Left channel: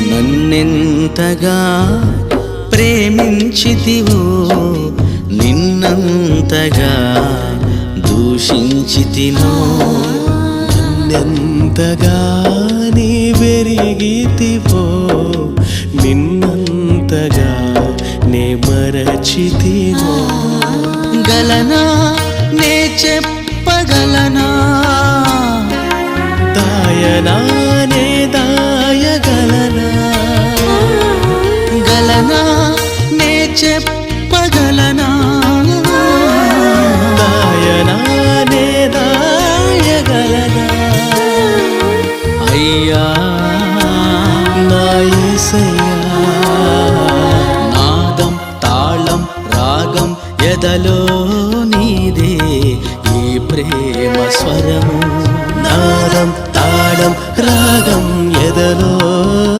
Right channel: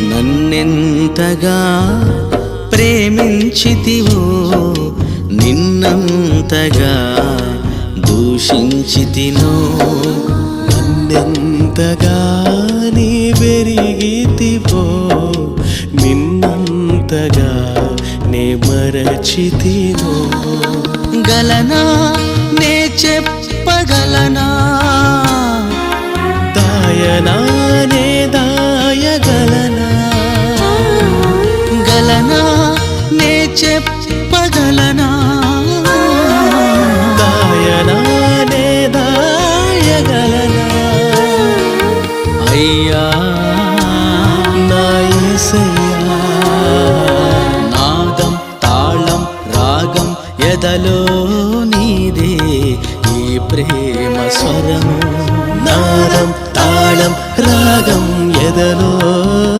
నన్నెంతగా ప్రేమించితివో నిన్నంతగా దూషించితినో నన్నెంతగా నీ వెరిగితివో నిన్నంతగా నే మరచితినో గలనా నే చెప్పగలనా దాయనా నే దాయగలనా గలనా నే చెప్పగలనా దాయనా నే దాయగలనా అయ్యా నా యేసయ్యా నాదం తాళం రాగం ఎదలో నీదే ఈ ప్రేమ స్వరము నాదం తాళం రాగం ఎదలో